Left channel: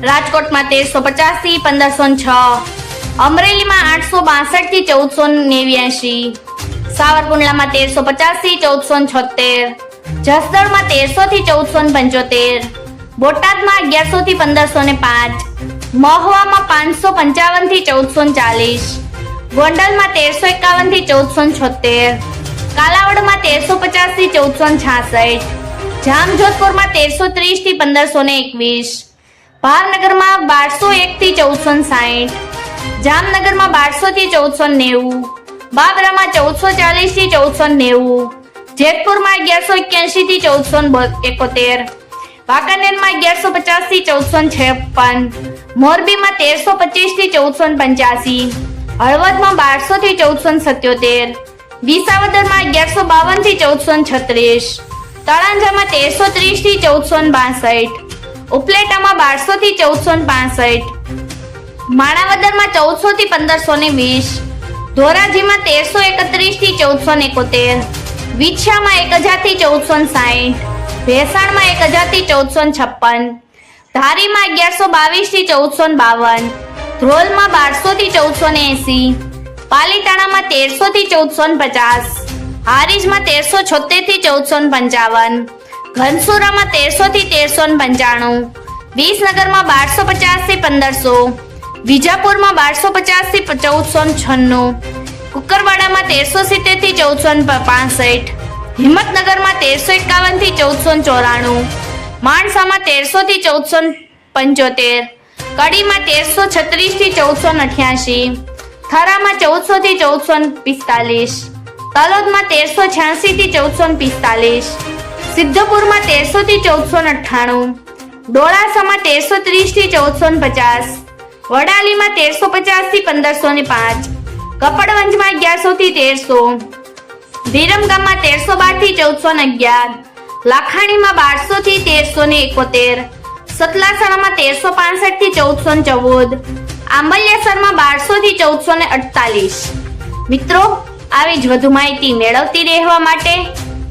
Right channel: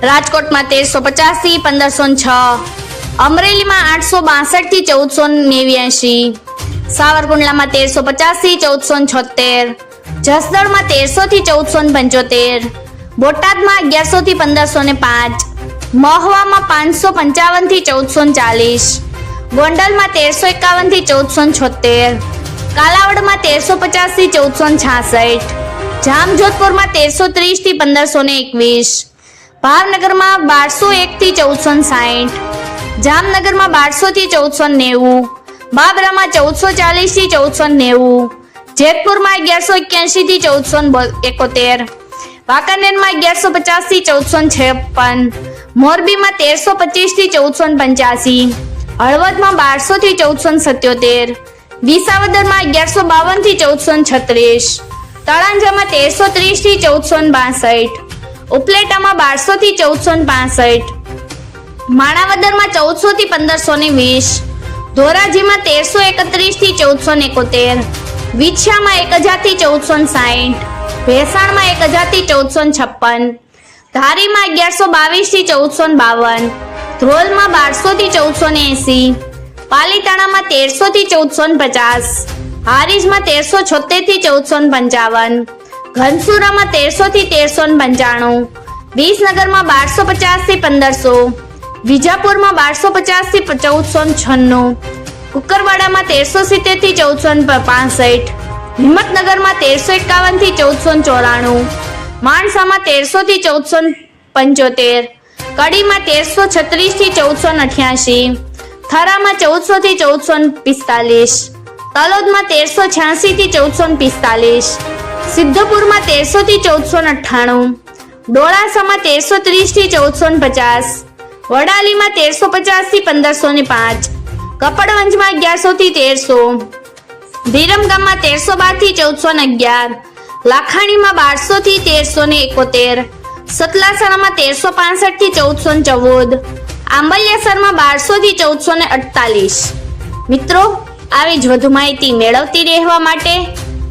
રાજકોટમાં તેરસો પચાસથી પંદરસો છ. અમરેલીમાં આઠસો બાસઠથી ચૌદસો નેવ્યાસી સાવરકુંડલામાં તેરસો પચાસથી ચૌદસો છોતેર. જસદણમાં તેરસો થી ચૌદસો પંચોતેર. બોટાદમાં અગિયારસો થી પંદરસો ને પાંચ. મહવામાં પાંચસો પંચાવનથી ચૌદસો ચાલીસ. ગોંડલમાં તેરસો એકાવનથી ચૌદસો છોતેર. કાલાવડમાં તેરસો પચાસથી ચૌદસો છાસઠ. જામજોધપુરમાં તેરસો ત્રીસથી પંદરસો ને એકવીસ. ભાવનગરમાં બારસો એકથી ચૌદસો સાઠ જામનગરમાં બારસો થી ચૌદસો નેવું, બાબરામાં ચૌદસો ચાલીસથી ચૌદસો નેવું, જેતપુરમાં અગિયારસો એક્યાસી થી ચૌદસો એકોતેર, વાંકાનેરમાં અગિયારસો પચાસથી ચૌદસો છપ્પન, મોરબીમાં તેરસો પચીસથી ચૌદસો પંચ્યાસી, હળવદમાં બારસો થી ચૌદસો સત્યોતેર, વિસાવદરમાં અગિયારસો બાવનથી ચૌદસો છત્રીસ, તળાંજામાં તેરસો ત્રીસથી ચૌદસો બાસઠ ઉપલેટામાં બારસો થી ચૌદસો પાસઠ, માણાવદરમાં ચૌદસો થી પંદરસો ને વીસ, ધોરાજીમાં તેરસો એકત્રીસથી ચૌદસો એકોતેર, વિછામાં એક હજારથી ચૌદસો સાઠ ભેસાણમાં એક હજારથી ચૌદસો છપ્પન, ધારીમાં અગિયારસો બાવીસથી ચૌદસો બાવન, ધ્રોલમાં બારસો થી ચૌદસો ને એસી, પાલીતાણામાં તેરસો થી ચૌદસો પચાસ, હારીજમાં તેરસો છોતેરથી ચૌદસો પંચાવન ઘનસુરામાં તેરસો થી તેરસો પંચાણું. વિસનગરમાં બારસો પચાસથી પંદરસો. વિજાપુરમાં બારસો પચાસથી ચૌદસો છન્નું. કુકરવાડામાં તેરસો સિત્તેરથી ચૌદસો પાસઠ. હિંમતનગરમાં તેરસો એકાવનથી ચૌદસો ચોરાણું. માણસામાં તેરસો થી ચૌદસો પંચોતેર. કડીમાં તેરસો છત્રીસથી ચૌદસો અઠ્યાસી. થરામાં ચૌદસો થી ચૌદસો પિસ્તાલીસ. તલોદમાં તેરસો છ્યાસી થી ચૌદસો પિસ્તાલીસ. સિદ્ધપુરમાં તેરસો થી ચૌદસો અઠ્ઠાણું ડોળાસામાં તેરસો ત્રીસથી ચૌદસો પચાસ, વડાલીમાં તેરસો પચાસથી પંદરસો ને પાંચ, કપડવંજમાં અગિયારસો થી તેરસો ધીરમગામમાં તેરસો બારથી ચૌદસો અગિયાર, લાખાણીમાં બારસો થી તેરસો ને એકોતેર, સતલાસણામાં તેરસો પાસઠથી ચૌદસો ચૌદ, આંબલિયાસરમાં બારસો થી ચૌદસો ને અડતાલીસ. મિત્રો, આવી જ વધુ માહિતી મેળવતી રહેવા માટે